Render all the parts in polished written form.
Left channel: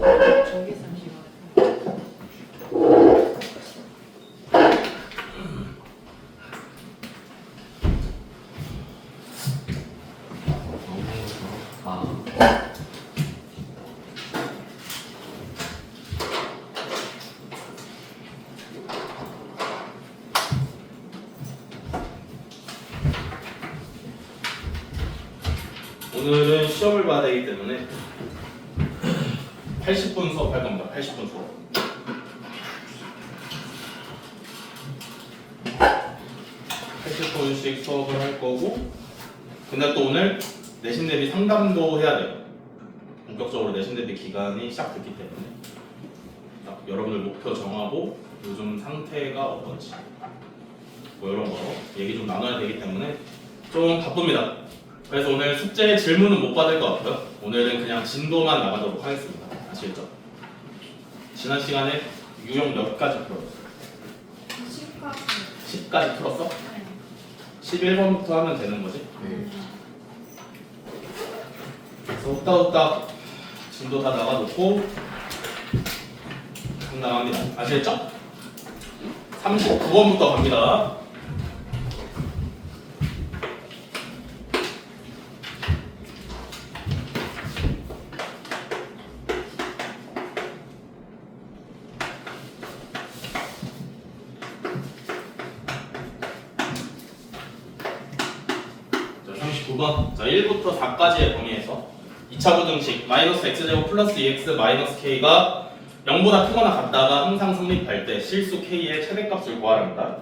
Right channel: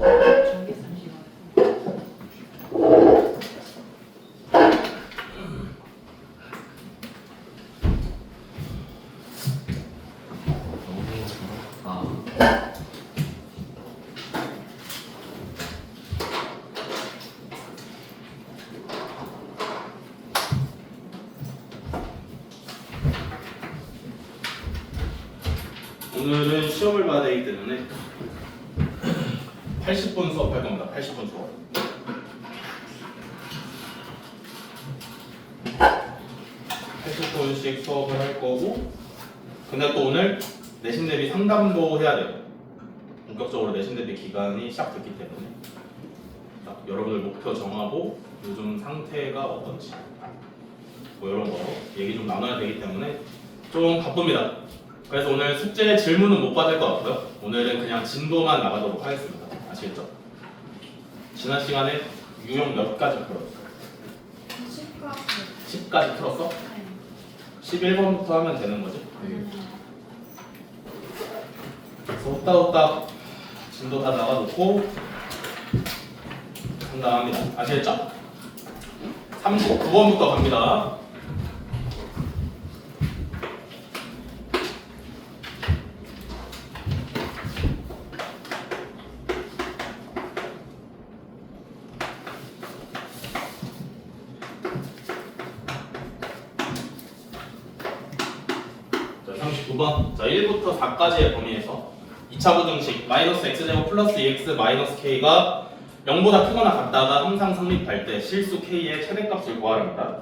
전개선 시간. 오늘은 시험을 봐야 되기 때문에 80분 수업할 겁니다. 80분 수업. 80분씩 수업을 할 거고, 근데 또 오늘 내신 대비 상담도 해야 돼요. 본격적으로 내신 대비 기간이 시작됐기 때문에 여러분들 목표 정하고 요즘 상태가 어떤지 뭐 이런 거 얘기 좀 나눠야 되기 때문에 좀 바쁩니다. 그래서 오늘 숙제 질문은 못 받을 것 같고요. 오늘은 그냥 진도만 나가도록 하겠습니다. 아시겠죠? 지난 시간에 유형 몇 가지 풀었어? 10까지 풀었어? 네. 11번부터 하면 되는 거지? 그래서 후딱후딱 진도 다 나가놓고 상담합니다. 아시겠죠? 39번부터 갑니다. 자, 39번. 자, 1부터 4까지의 범위에서 2차 부등식 마이너스 x제곱 플러스 2x 마이너스 k가 0보다 크거나 같다가 항상 성립할 때 실수 k의 최대값을 구하랍니다.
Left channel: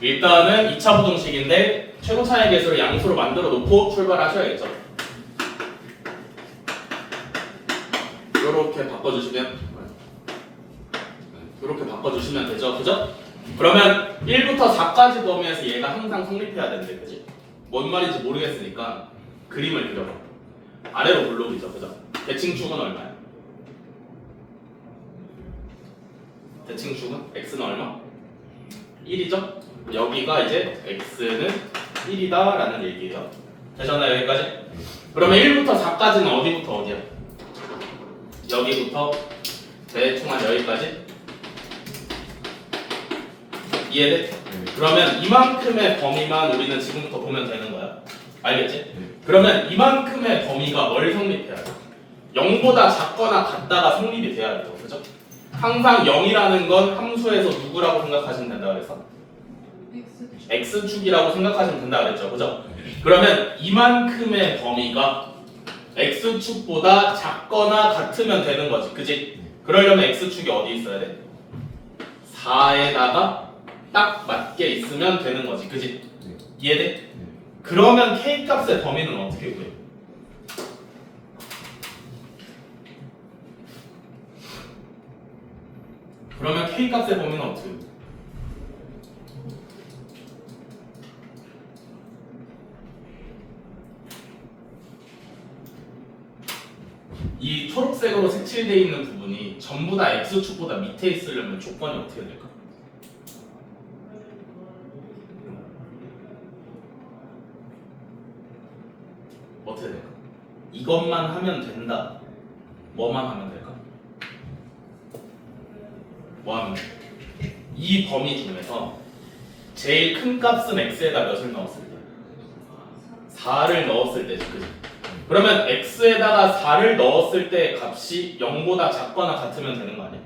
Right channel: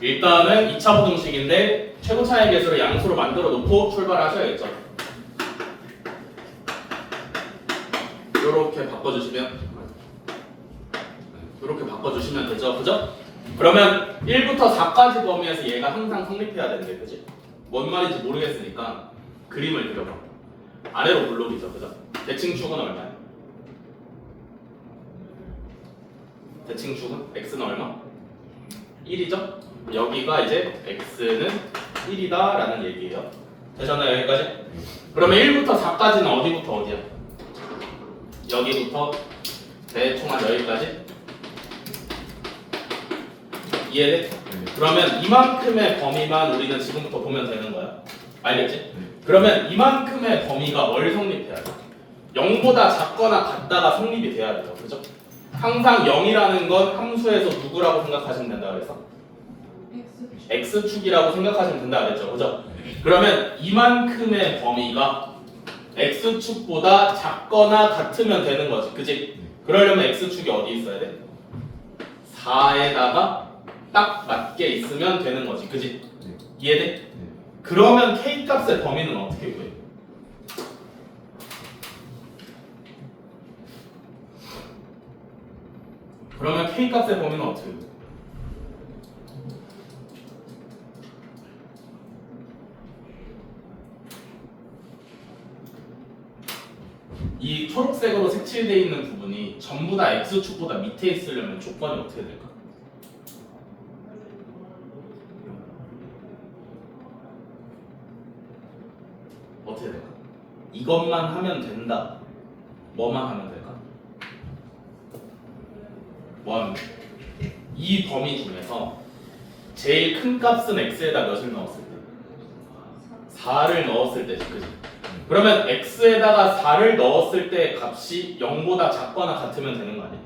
일단은 2차 부등식인데 최고 차의 개수를 양수로 만들어 놓고 출발하셔야겠죠. 이렇게 바꿔주시면 되죠, 그죠? 그러면 1부터 4까지 범위에서 얘가 항상 성립해야 되는데, 그지? 뭔 말인지 모르겠으니까 그림을 그려봐. 아래로 블록이죠, 그죠? 대칭축은 얼마야? 대칭축은 x는 얼마? 1이죠? 여기가 이제 x는 1이다 라는 얘기예요. 되셨나요, 여기까지? 그러면 1부터 4까지는 어디부터 어디야? 여기부터 대충 한 여기까지? 이해돼? 그러면 이만큼의 범위만 우리는 지금부터 보면 되는 거야. 알겠지? 그러면 이만큼의 범위가 뭘 성립해야 돼? 0보다 작거나 같다가 성립이 돼야 돼요. 그죠? 항상 0이라는 건 함수에서 누구라고 생각하시면 된다 그래서? x축이라고 생각하시면 된다 그랬죠. 그죠? 그러면 이만큼의 범위가 x축보다 작거나 같으면 되는 거지. 그지? 그러려면 x축이 어디 있어야 돼? 4에다가 딱 맞게 있으면 되는 거지. 그지? 이해돼? 그러면 k 값의 범위는 어떻게 구해? 그러면 k 값의 범위는 어떻게 구해? 이 초록색으로 색칠되어 있는 부분이 전부 다 x축보다 밑에 있으려면 조건이 어떻게 될까? 어떻게 될까? 이것만 하면 된다. 뭐만 하면 될까? 뭐 하면 돼? 이 범위 중에서 제일 큰 값은 x에다 몇을 넣었을 때? 4를 넣었을 때지, 그지? 그러면 x에다가 4를 넣었을 때 값이 0보다 작거나 같으면 되는 거 아니야?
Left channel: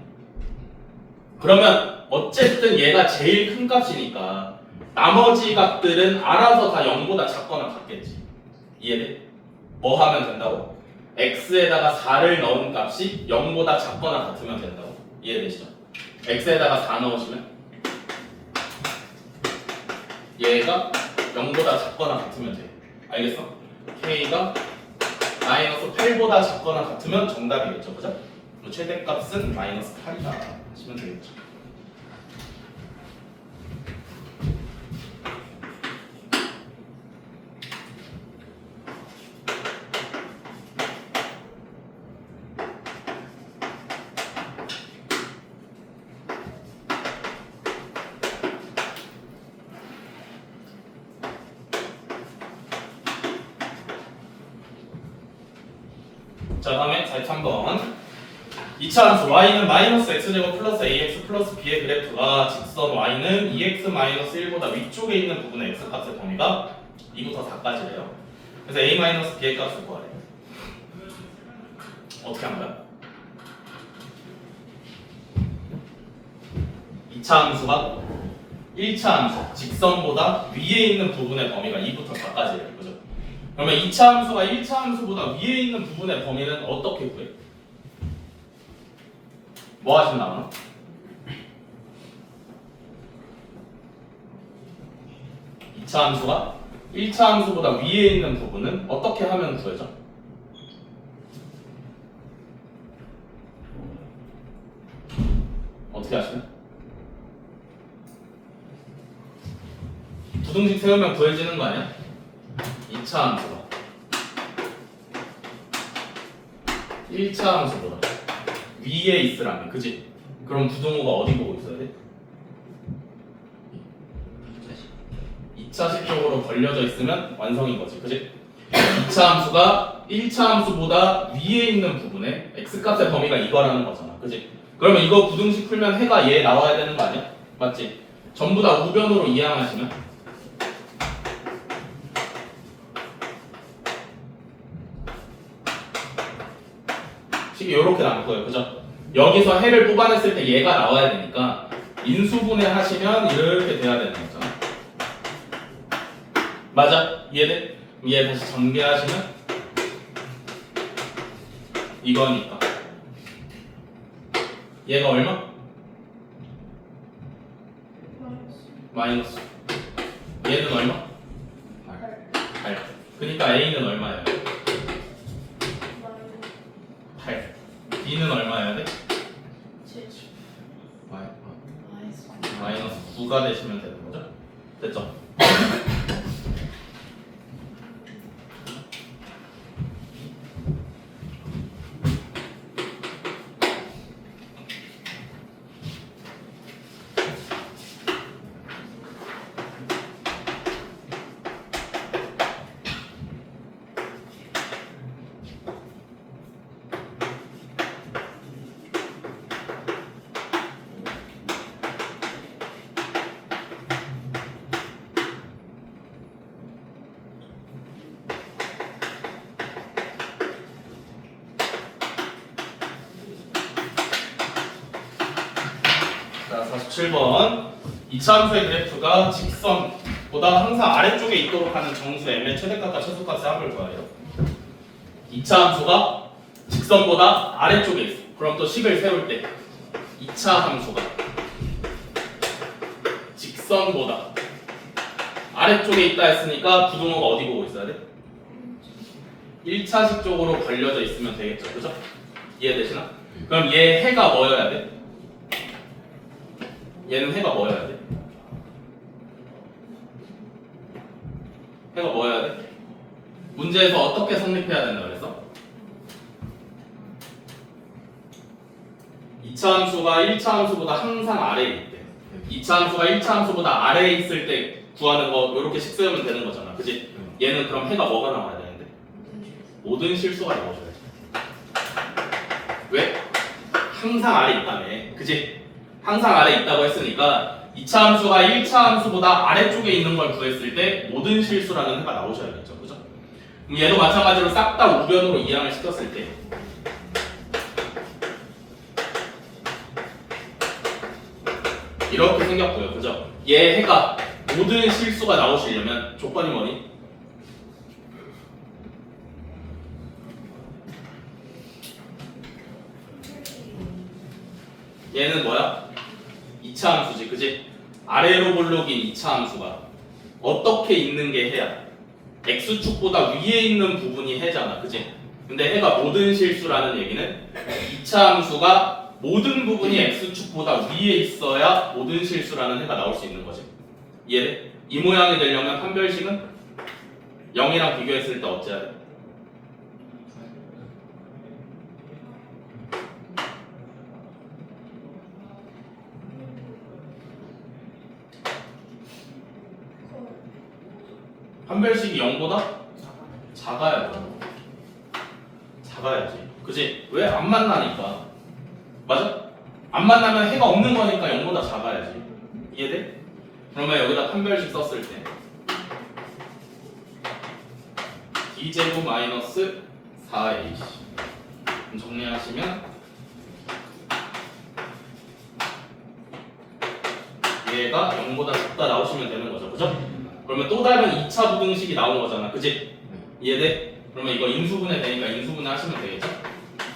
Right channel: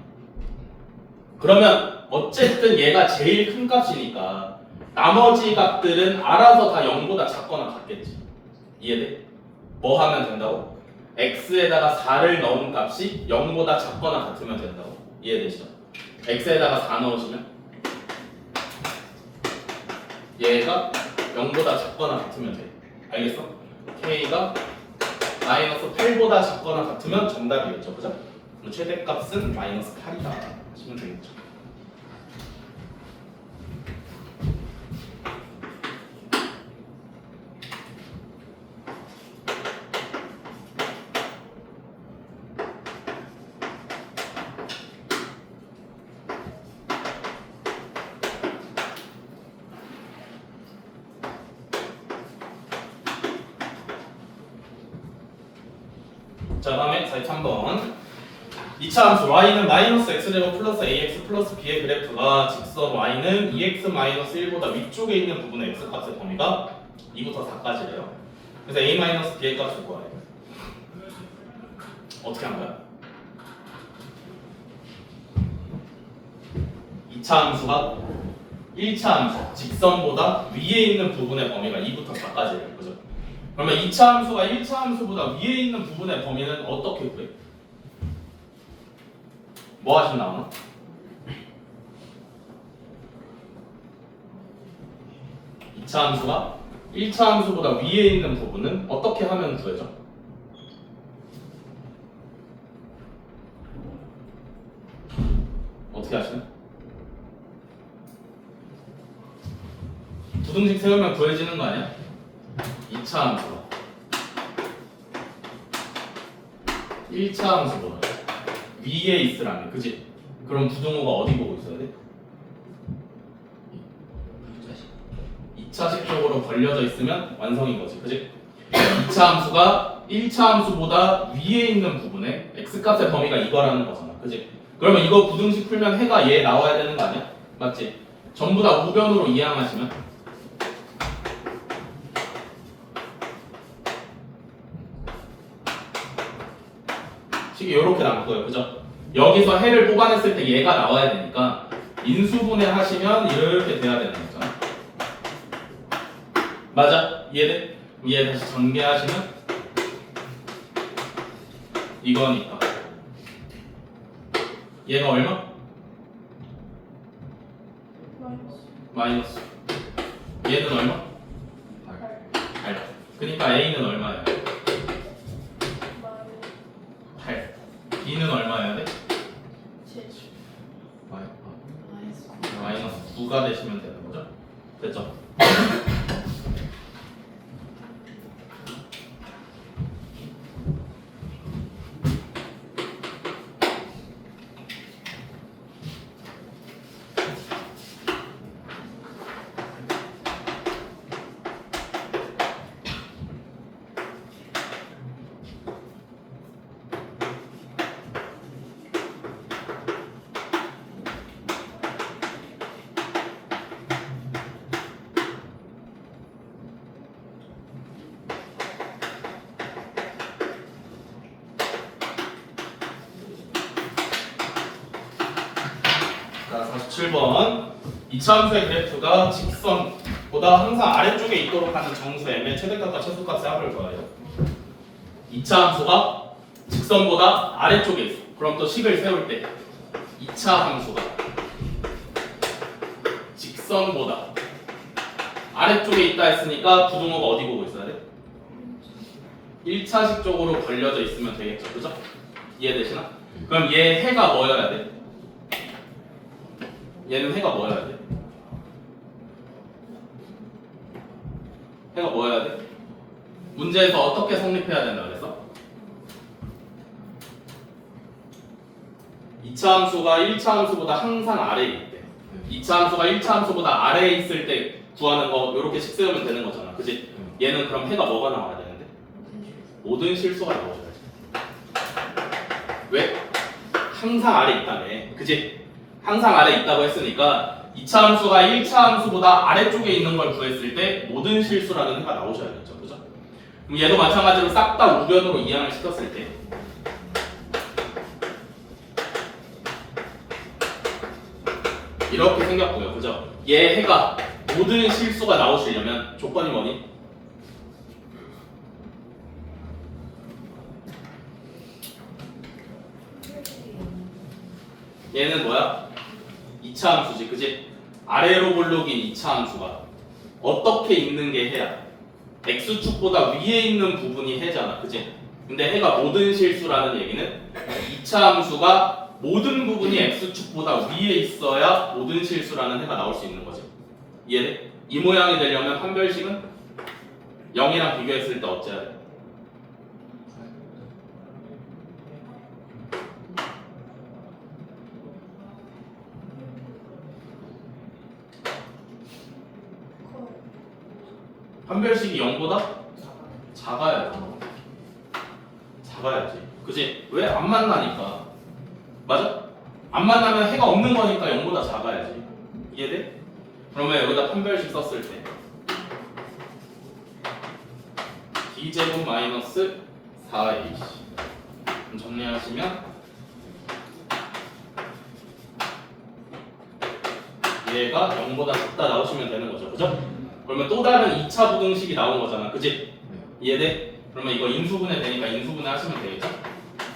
그러면 어쨌든 얘가 제일 큰 값이니까 나머지 값들은 알아서 다 0보다 작거나 같겠지. 이해돼? 뭐 하면 된다고? x에다가 4를 넣은 값이 0보다 작거나 같으면 된다고. 이해되시죠? x에다가 4 넣으시면 얘가 0보다 작거나 같으면 돼. 알겠어? k가 마이너스 8보다 작거나 같으면 정답이겠죠, 그죠? 최대값은 마이너스 8이다 하시면 되겠죠. 자, 다음에 43번. 2차 함수 y는 마이너스 x제곱 플러스 ax 플러스 b의 그래프가 직선 y는 2x 마이너스 1보다 위쪽에 있는 부분의 x 값의 범위가 2부터 4까지래요. 그래서 a 마이너스 b의 값을 구하래요. 어떻게 한 거야? 2차 함수가 1차 함수, 직선보다 위에 있는 부분의 범위가 2부터 4까지래요. 그죠? 그러면 2차 함수가 1차 함수보다 위에 있는 부분의 범위는 어떻게 구해? 뭐 하시면 나오나? (2차) 함수가 1차 함수보다 위에 있는 부분은 어떻게 하면 구해져? 어떻게 하시나? 부등식 세우면 구해지는 거 아니야? 2차 함수가 1차 함수보다 위에 있으라면, 그지? 그럼 부등호가 어디 보고 있어야 돼? 2차식 쪽으로 벌려져 있으면 완성인 거지, 그지? 2차 함수가 1차 함수보다 위에 있는 부분에 x값의 범위가 이거라는 거잖아, 그지? 그러면 이거 부등식 풀면 해가 얘 나와야 되는 거 아니야? 맞지? 전부 다 우변으로 이항하시면 식이 이렇게 나올 거예요, 그죠? 여기서 해를 뽑아냈을 때 얘가 나와야 되니까 인수분해 하시면 이렇게 돼야 되는 거잖아. 맞아? 이해돼? 얘 다시 전개하시면 이거니까 얘가 얼마? 마이너스. 얘는 얼마? 8. 그러니까 A는 얼마예요? 8. B는 얼마여야 돼? 마이너스 9가 되시면 되는 거죠? 됐죠? 자, 47번 2차 함수의 그래프가 직선보다 항상 아래쪽에 있도록 하는 정수 m의 최대값과 최소값의 합을 구하래요. 2차 함수가 직선보다 아래쪽에 있어. 그럼 또 식을 세울 때 2차 함수가 직선보다 아래쪽에 있다 했으니까 부등호가 어디 보고 있어야 돼? 1차식 쪽으로 벌려져 있으면 되겠죠, 그죠? 이해되시나? 그럼 얘 해가 뭐여야 돼? 얘는 해가 뭐여야 돼? 해가 뭐여야 돼? 문제에서 어떻게 성립해야 된다 그래서? 2차 함수가 1차 함수보다 항상 아래에 있대. 2차 함수가 1차 함수보다 아래에 있을 때 구하는 거 이렇게 식 세우면 되는 거잖아, 그치? 얘는 그럼 해가 뭐가 나와야 되는데? 모든 실수가 나오셔야 돼. 왜? 항상 아래에 있다며, 그치? 항상 아래에 있다고 했으니까 2차 함수가 1차 함수보다 아래쪽에 있는 걸 구했을 때 모든 실수라는 해가 나오셔야겠죠, 그죠? 그럼 얘도 마찬가지로 싹 다 우변으로 이항을 시켰을 때 이렇게 생겼고요, 그죠? 얘 해가 모든 실수가 나오시려면 조건이 뭐니? 얘는 뭐야? 2차 함수지, 그지? 아래로 볼록인 2차 함수가 어떻게 있는 게 해야? x축보다 위에 있는 부분이 해잖아, 그지? 근데 해가 모든 실수라는 얘기는 2차 함수가 모든 부분이 x축보다 위에 있어야 모든 실수라는 해가 나올 수 있는 거지. 이해돼? 이 모양이 되려면 판별식은 0이랑 비교했을 때 어째야 돼? 판별식이 0보다 작아야죠. 작아야지. 그치? 왜? 안 만나니까. 맞아? 안 만나면 해가 없는 거니까 0보다 작아야지. 이해돼? 그러면 여기다 판별식 썼을 때 b제곱 마이너스 4ac 정리하시면 얘가 0보다 작다 나오시면 되는 거죠. 그죠? 그러면 또 다른 2차 부등식이 나온 거잖아. 그지? 이해돼? 그러면 이거 인수분해 되니까 인수분해 하시면 되겠죠?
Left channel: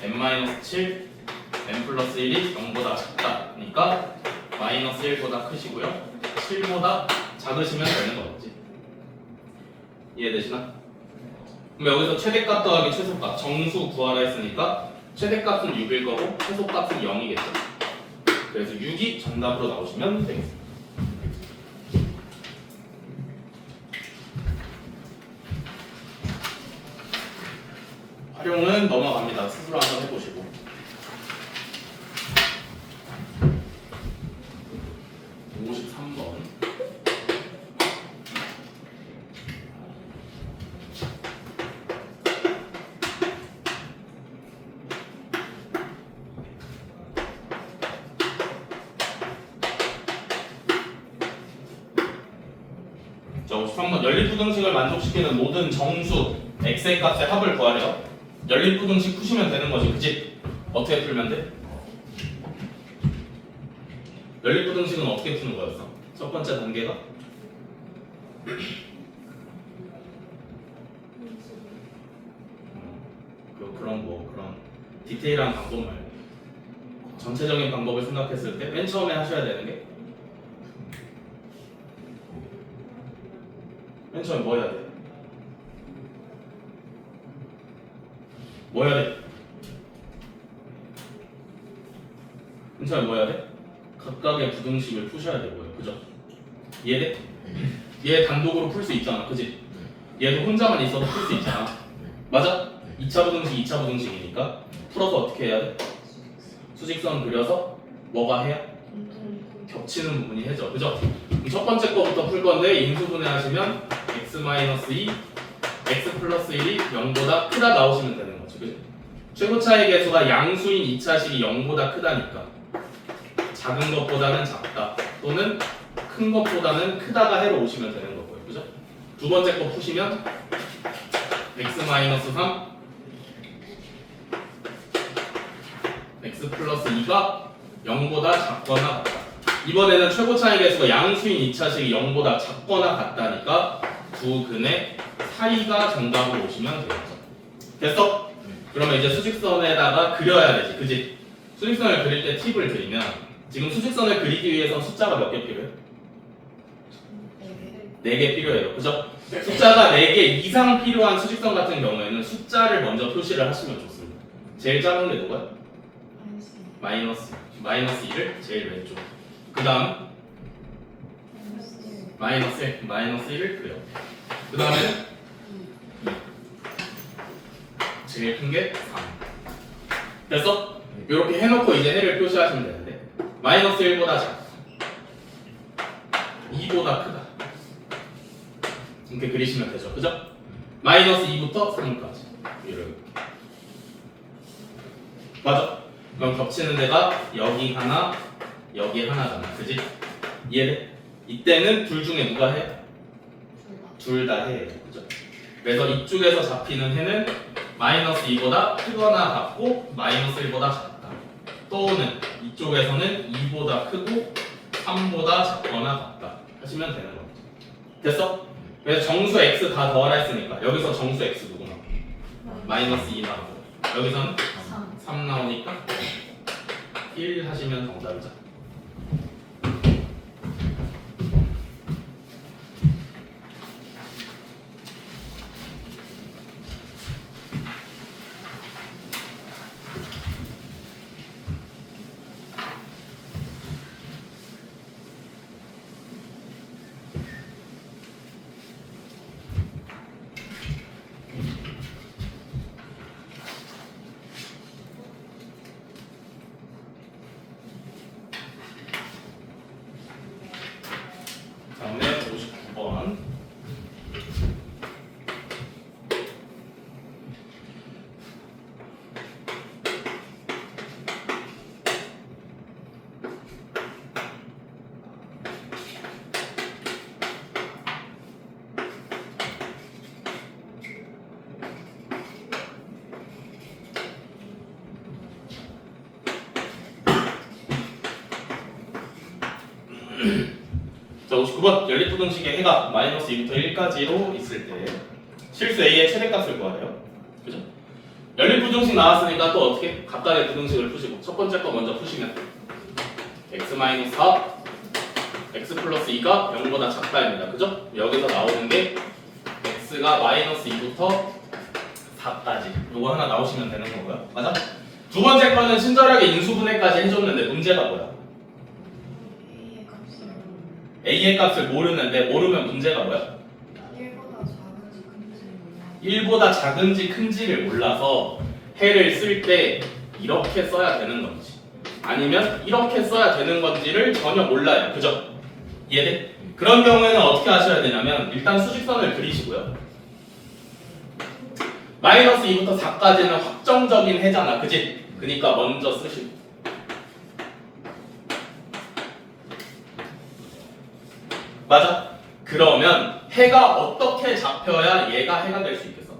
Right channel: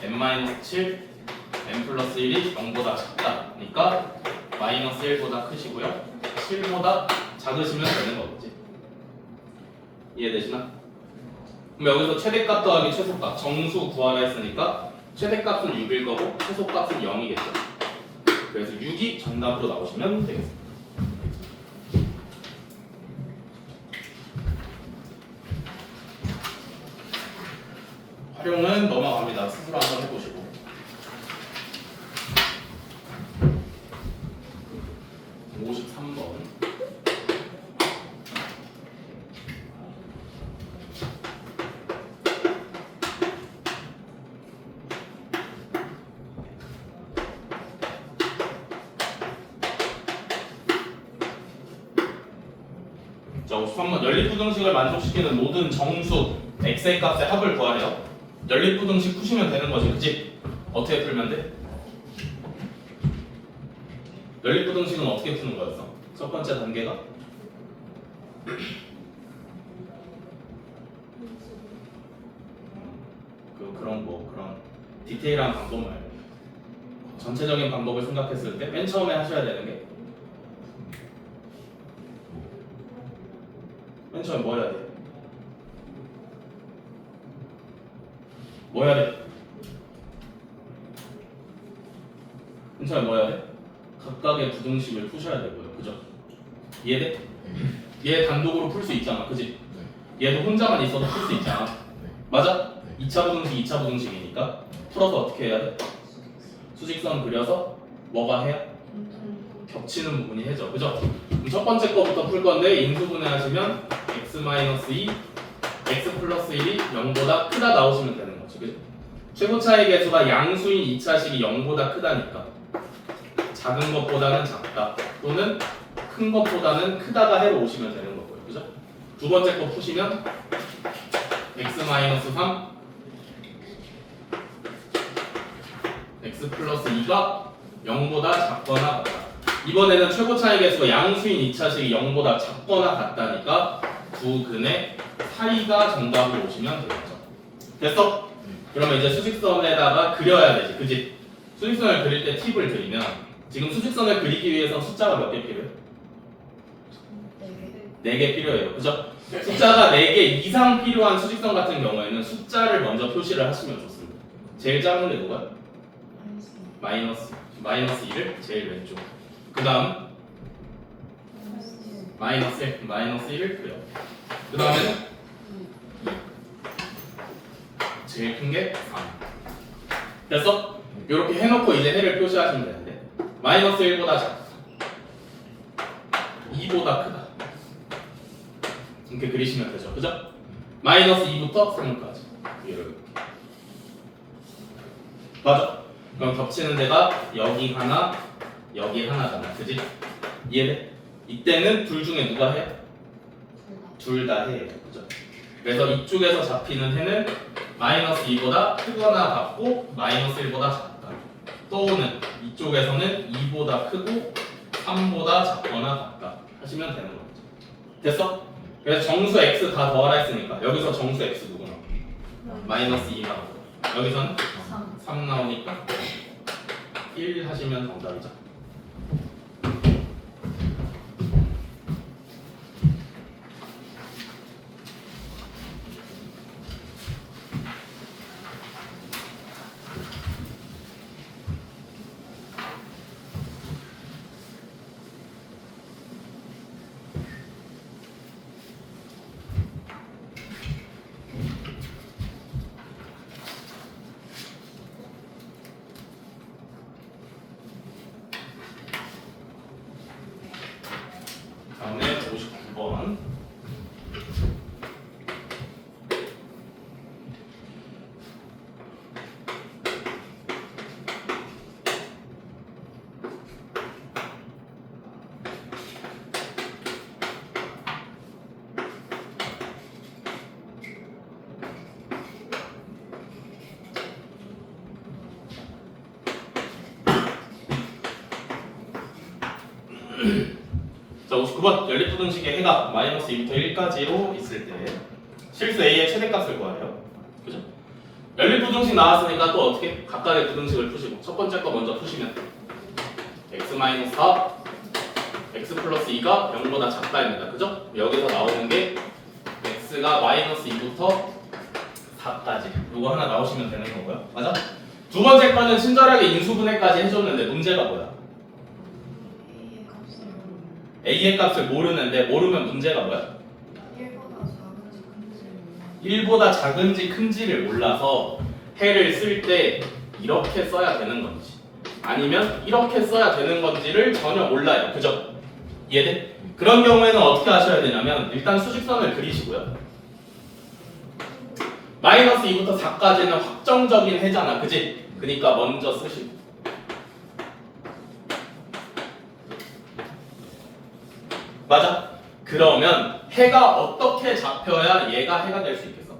n-7 n 플러스 1이 0보다 작다니까 마이너스 1보다 크시고요. 7보다 작으시면 되는 거겠지. 이해되시나? 그럼 여기서 최대값 더하기 최소값 정수 구하라 했으니까 최대값은 6일 거고 최소값은 0이겠죠. 그래서 6이 정답으로 나오시면 되겠습니다. 활용은 넘어갑니다. 스스로 한번 해보시고. 자, 53번 연립부등식을 만족시키는 모든 정수 x의 값의 합을 구하래요. 연립부등식 푸시면 되는 거지, 그치? 어떻게 풀면 돼? 연립부등식은 어떻게 푸는 거였어? 첫 번째 단계가? 그런 디테일한 방법 말고 전체적인 방법을 생각했을 때 맨 처음에 하셔야 되는 게 맨 처음에 뭐 해야 돼? 뭐 해야 돼? 맨 처음에 뭐 해야 돼? 각각의 부등식을 푸셔야 되고요. 그죠? 이해돼? 얘 단독으로 풀 수 있잖아. 그지? 얘도 혼자만 있어도 풀 수 있잖아. 맞아? 2차 부등식, 2차 부등식이니까 풀어서 어떻게 해야 돼? 수직선 그려서 뭐가 해야? 겹치는 부분이 해죠. 그죠? 그럼 첫 번째 거부터 풀 건데 인수분해 하시면 x-2 x 플러스 1이 0보다 크다 나오시면 되는 거지. 그죠? 최고차의 개수가 양수인 2차식이 0보다 크다니까 작은 것보다는 작다 또는 큰 것보다는 크다가 해로 오시면 되는 거고요. 그죠? 두 번째 거 푸시면 x-3 x 플러스 2가 0보다 작거나 같다. 이번에는 최고차의 개수가 양수인 2차식이 0보다 작거나 같다니까 두 근의 사이가 정답으로 오시면 되겠죠. 됐어? 그러면 이제 수직선에다가 그려야 되지. 그지? 수직선을 그릴 때 팁을 드리면 지금 수직선을 그리기 위해서 숫자가 몇 개 필요해요? 4개 필요해요. 그죠? 숫자가 4개 이상 필요한 수직선 같은 경우에는 숫자를 먼저 표시를 하시면 좋습니다. 제일 작은 게 누구야? 마이너스 2를 제일 왼쪽. 그 다음 마이너스 1을 그려. 그 다음에는 제일 큰 게 3. 됐어? 이렇게 해놓고 이제 해를 표시하시면 되는데 마이너스 1보다 작다 2보다 크다 이렇게 그리시면 되죠. 그죠? 마이너스 2부터 3까지 이렇게. 맞아? 그럼 겹치는 데가 여기 하나 여기 하나잖아. 그지? 이해돼? 이때는 둘 중에 누가 해? 둘 다 해. 그죠? 그래서 이쪽에서 잡히는 해는 마이너스 2보다 크거나 같고 마이너스 1보다 작다. 또는 이쪽에서는 2보다 크고 3보다 작거나 같다 하시면 되는 거죠. 됐어? 그래서 정수 x 다 더하라 했으니까 여기서 정수 x 누구 나와? 마이너스 2 나오고 여기서는 3 나오니까 1 하시면 정답이죠. 자, 59번 연립부등식의 해가 마이너스 2부터 1까지로 있을 때 실수 A의 최대값을 구하래요. 그죠? 연립부등식 나왔으니까 또 어떻게? 각각의 부등식을 푸시고 첫 번째 거 먼저 푸시면 x-4 x 플러스 2가 0보다 작다입니다. 그죠? 여기서 나오는 게 x가 마이너스 2부터 4까지 이거 하나 나오시면 되는 거고요. 맞아? 두 번째 거는 친절하게 인수분해까지 해줬는데 문제가 뭐야? A의 값을 모르는데 모르면 문제가 뭐야? 1보다 작은지 큰지를 몰라서 해를 쓸 때 이렇게 써야 되는 건지 아니면 이렇게 써야 되는 건지를 전혀 몰라요. 그죠? 이해돼? 그런 경우에는 어떻게 하셔야 되냐면 일단 수직선을 그리시고요. 마이너스 2부터 4까지는 확정적인 해잖아. 그지? 그러니까 먼저 쓰시고 맞아? 그러면 해가 어떻게 잡혀야 얘가 해가 될 수 있겠어?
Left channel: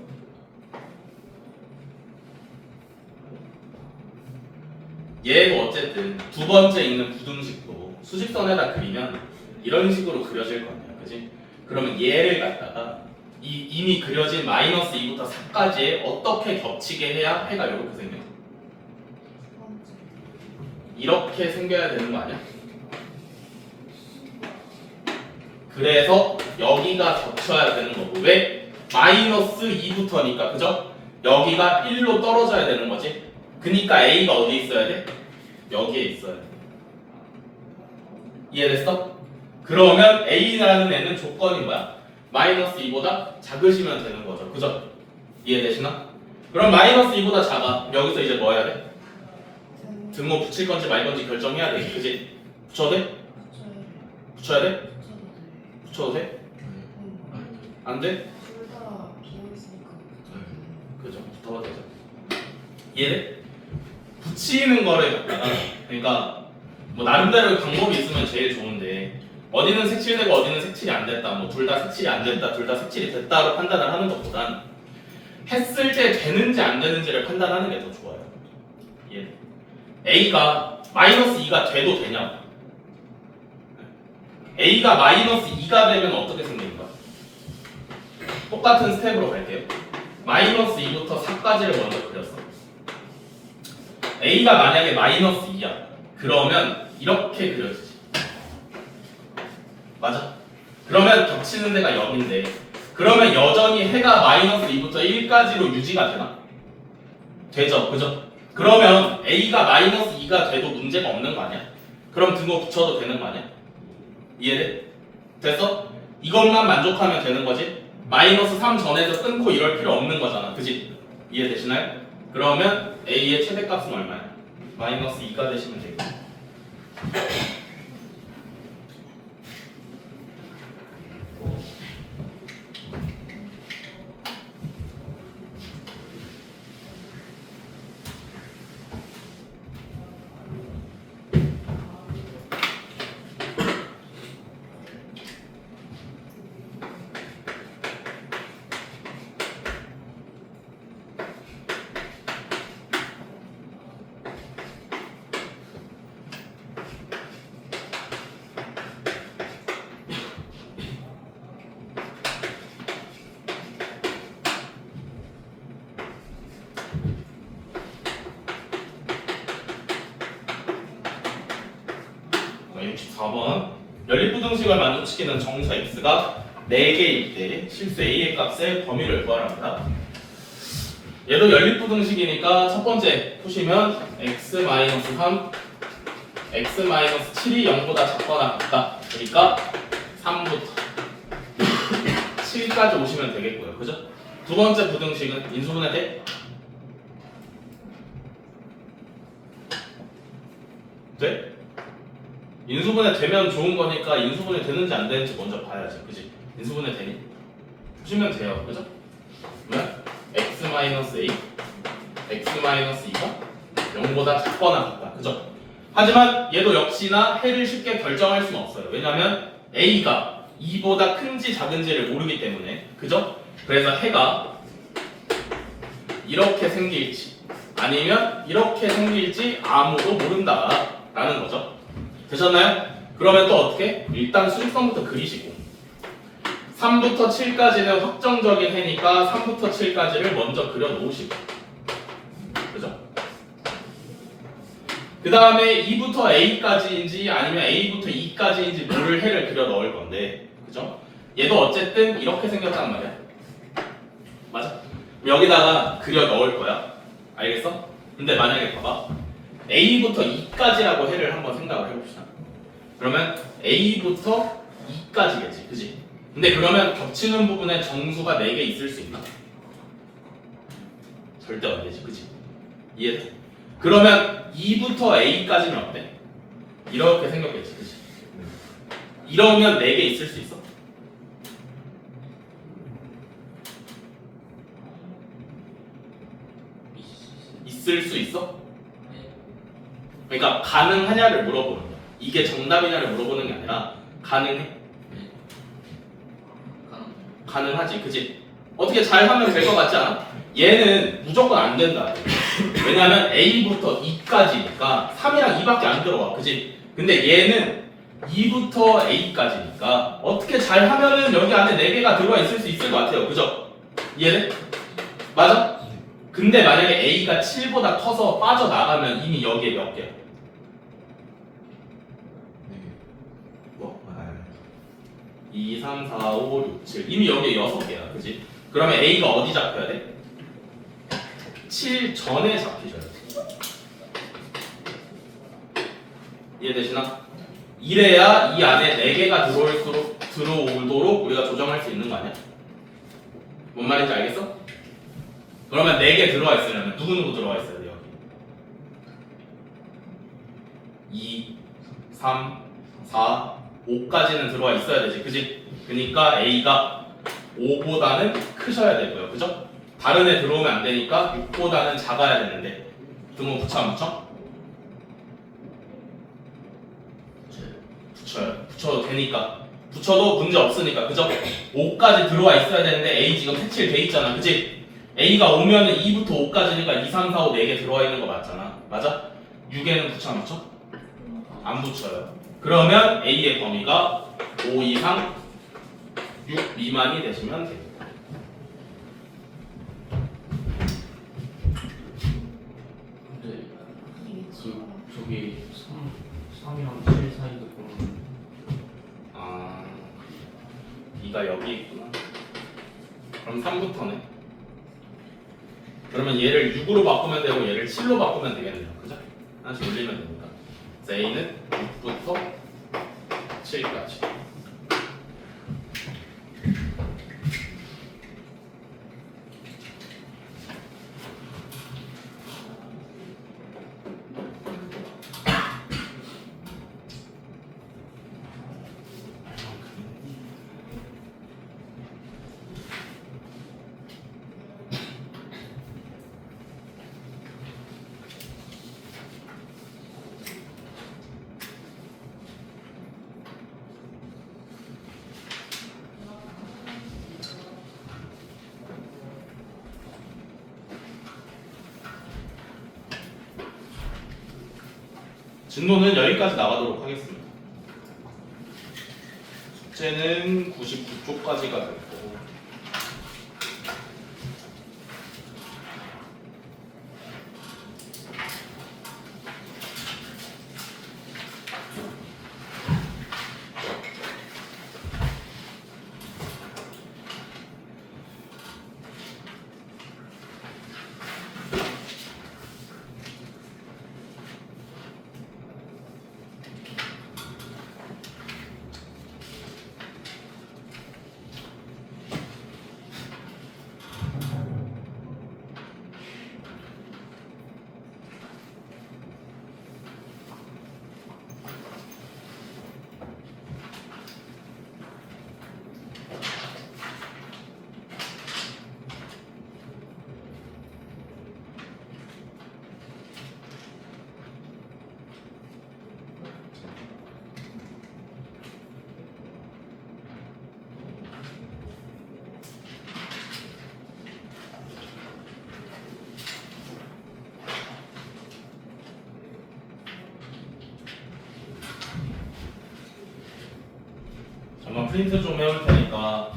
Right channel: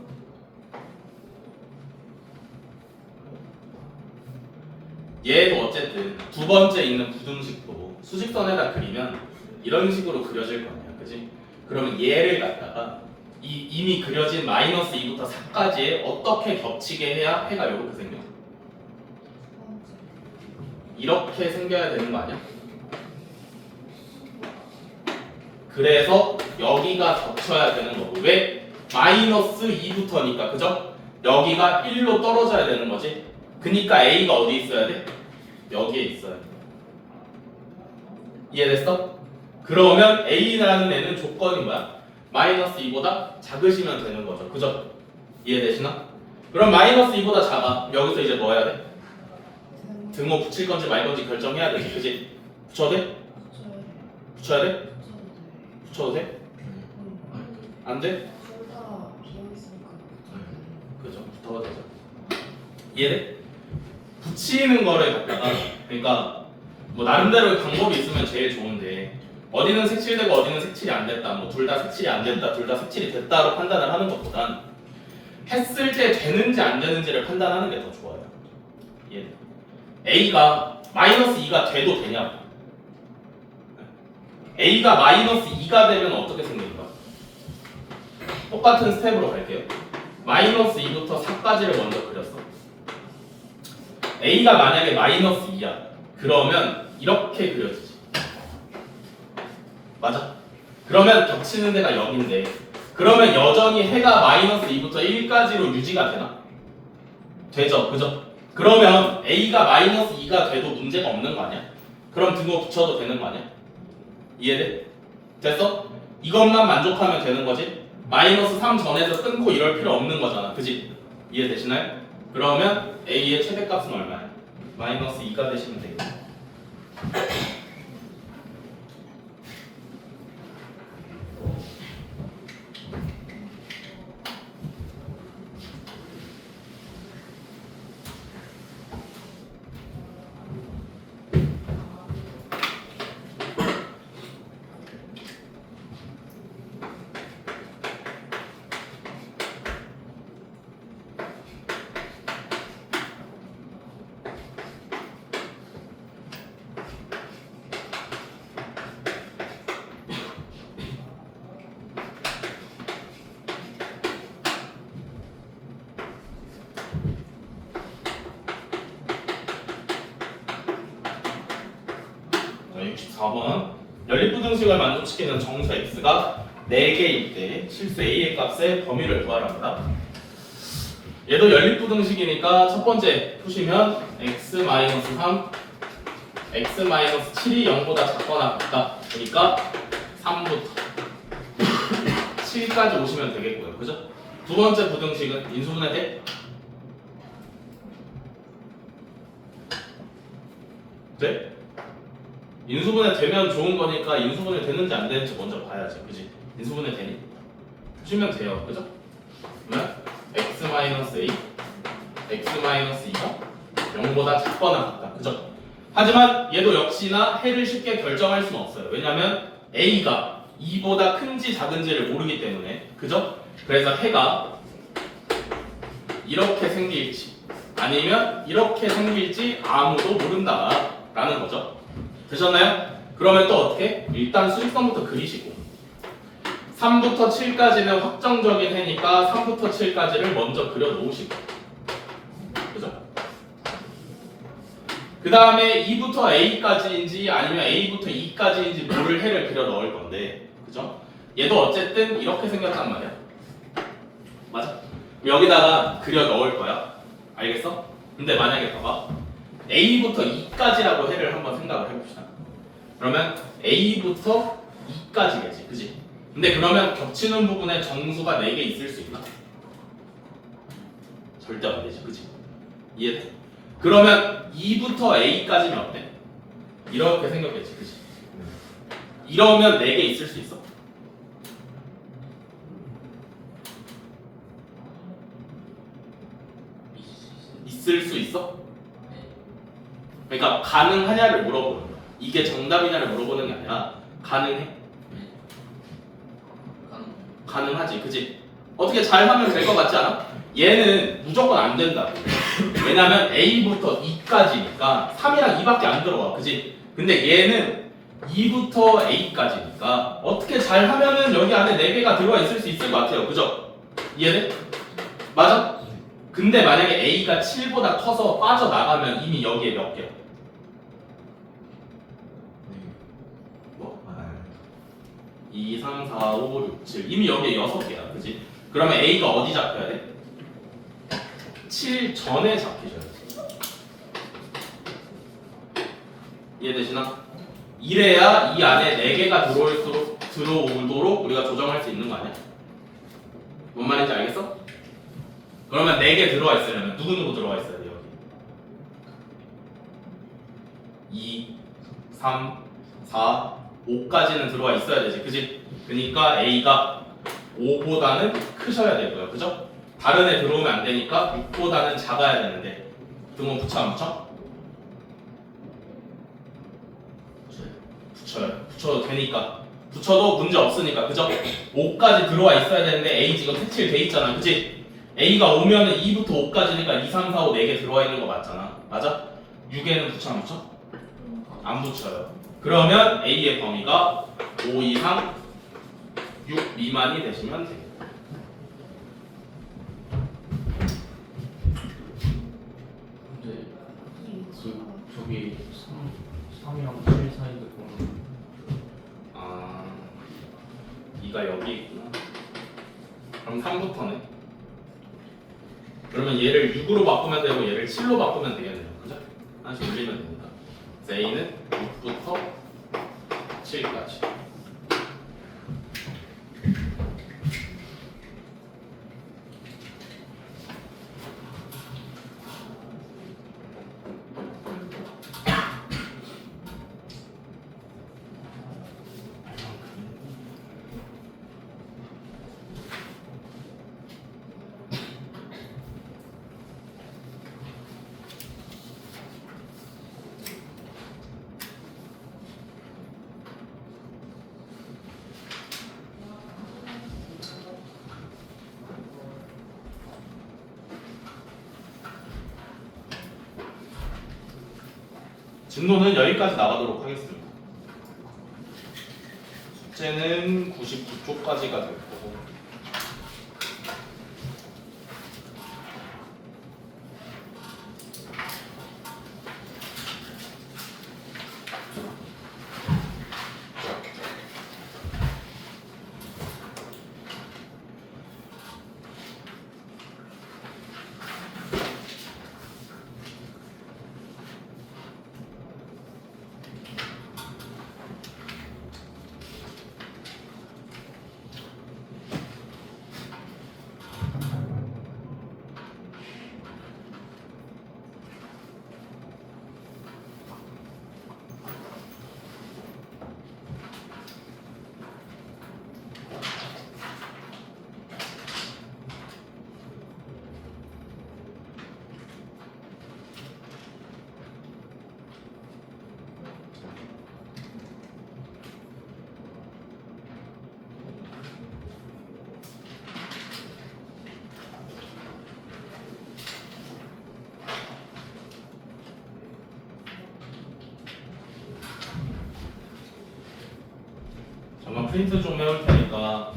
얘도 어쨌든 두 번째 있는 부등식도 수직선에다 그리면 이런 식으로 그려질 거 아니야. 그지? 그러면 얘를 갖다가 이미 그려진 마이너스 2부터 4까지에 어떻게 겹치게 해야 해가 이렇게 생겨? 이렇게 생겨야 되는 거 아니야? 그래서 여기가 겹쳐야 되는 거고 왜? 마이너스 2부터니까 그죠? 여기가 1로 떨어져야 되는 거지. 그니까 A가 어디 있어야 돼? 여기에 있어야 돼. 이해됐어? 그러면 A라는 애는 조건이 뭐야? 마이너스 2보다 작으시면 되는 거죠. 그죠? 이해되시나? 그럼 마이너스 2보다 작아. 여기서 이제 뭐 해야 돼? 등호 붙일 건지 말 건지 결정해야 되지. 그지? 붙여도 돼? 붙여야 돼? 붙여도 돼? 안 돼? 그죠? 붙어도 되죠. 이해돼? 붙이는 거를 갖다가 그러니까 뭐 나름대로 방법이 있으면 제일 좋은데 어디는 색칠되고 어디는 색칠이 안 됐다 뭐 둘 다 색칠이 안 됐다 둘 다 색칠이 됐다로 판단을 하는 것보단 했을 때 되는지 안 되는지를 판단하는 게 더 좋아요. 이해돼? A가 마이너스 2가 돼도 되냐고. A가 마이너스 2가 되면 어떻게 생깁니까? 똑같은 스텝으로 갈게요. 마이너스 2부터 4까지를 먼저 그렸어. A가 만약에 마이너스 2야. 그러면 이렇게 그려지지. 맞아? 그러면 겹치는 데가 0인데 그러면 여전히 해가 마이너스 2부터 1까지로 유지가 되나? 되죠. 그죠? 그러면 A가 마이너스 2가 돼도 문제가 없는 거 아니야? 그럼 등호 붙여도 되는 거 아니야? 이해돼? 됐어? 이것만 만족하면 되는 거지? 마이너스 3 전에서 끊고 이럴 필요 없는 거잖아. 그지? 이해되시나요? 그러면 A의 최대값은 얼마야? 마이너스 2가 되시면 되겠다. 네, 64번 연립부등식을 만족시키는 정수 x가 4개일 때 실수 a의 값의 범위를 구하랍니다. 얘도 연립부등식이니까 첫 번째 푸시면 x-3 x-7이 0보다 작거나 같다. 그러니까 3부터 7까지 오시면 되겠고요. 그죠? 두 번째 부등식은 인수분해 돼? 돼? 인수분해 되면 좋은 거니까 인수분해 되는지 안 되는지 먼저 봐야지. 그지? 인수분해 되니? 보시면 돼요. 그죠? 그러면 x-a x-2가 0보다 작거나 같다. 그죠? 하지만 얘도 역시나 해를 쉽게 결정할 수는 없어요. 왜냐면 a가 2보다 큰지 작은지를 모르기 때문에. 그죠? 그래서 해가 이렇게 생길지 아니면 이렇게 생길지 아무도 모른다 라는 거죠. 되셨나요? 그러면 또 어떻게? 일단 수직선부터 그리시고 3부터 7까지는 확정적인 해니까 3부터 7까지를 먼저 그려 놓으시고 그죠? 그 다음에 2부터 A까지인지 아니면 A부터 E까지인지 모를 해를 그려 넣을 건데 그죠? 얘도 어쨌든 이렇게 생겼단 말이야 맞아? 여기다가 그려 넣을 거야 알겠어? 근데 만약에 봐봐 A부터 E까지라고 해를 한번 생각을 해봅시다 그러면 A부터 E까지겠지 그지? 근데 그러면 겹치는 부분에 정수가 4개 있을 수 있나? 절대 안 되지 그지? 이해돼? 그러면 2부터 A까지는 어때? 이렇게 생겼겠지 그지? 이러면 4개 있을 수 있어? 있을 수 있어? 그러니까 가능하냐를 물어보는 거야. 이게 정답이냐를 물어보는 게 아니라 가능해? 가능하지, 그지? 어떻게 잘 하면 될 것 같지 않아? 얘는 무조건 안 된다. 왜냐면 A부터 E까지니까 3이랑 2밖에 안 들어가, 그지? 근데 얘는 2부터 A까지니까 어떻게 잘 하면은 여기 안에 4개가 들어가 있을 수 있을 것 같아요, 그죠? 이해돼? 맞아? 근데 만약에 A가 7보다 커서 빠져나가면 이미 여기에 몇 개? 뭐? 2, 3, 4, 5, 6, 7 이미 여기에 6개야 그지? 그러면 A가 어디 잡혀야 돼? 7 전에 잡히셔야 돼 이해되시나? 이래야 이 안에 4개가 들어오도록 우리가 조정할 수 있는 거 아니야? 뭔 말인지 알겠어? 그러면 4개 들어와 있으려면 누구 들어와 있어야 돼 여기? 2, 3, 4, 5까지는 들어와 있어야 되지 그지? 그러니까 A가 5보다는 크셔야 되고요 그죠? 다른 애 들어오면 안 되니까 6보다는 작아야 되는데 등호 붙여 안 붙여? 붙여도 되니까 붙여도 문제 없으니까 그죠? 5까지 들어와 있어야 되는데 A 지금 색칠 돼 있잖아 그지? A가 오면은 2부터 5까지니까 2, 3, 4, 5 4개 들어와 있는 거 맞잖아 맞아? 6에는 붙여 안 붙여? 안 붙여요 그러면 A의 범위가 5 이상 6 미만이 되시면 됩니다 근데 저기 3이랑 7 사이인데 그럼 아 2가 여기 있구나 그럼 3부터네 그러면 얘를 6으로 바꾸면 되고 얘를 7로 바꾸면 되겠네요 그죠? 하나씩 올리면 됩니다 그래서 A는 6부터 7까지 진도는 여기까지 나가도록 하겠습니다. 숙제는 99쪽까지가 될 거고 프린트 좀 해올 테니까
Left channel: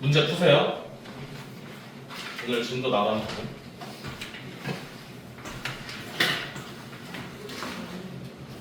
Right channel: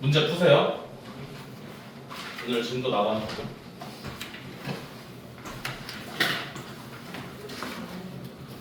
문제 푸세요. 오늘 진도 나가는 거.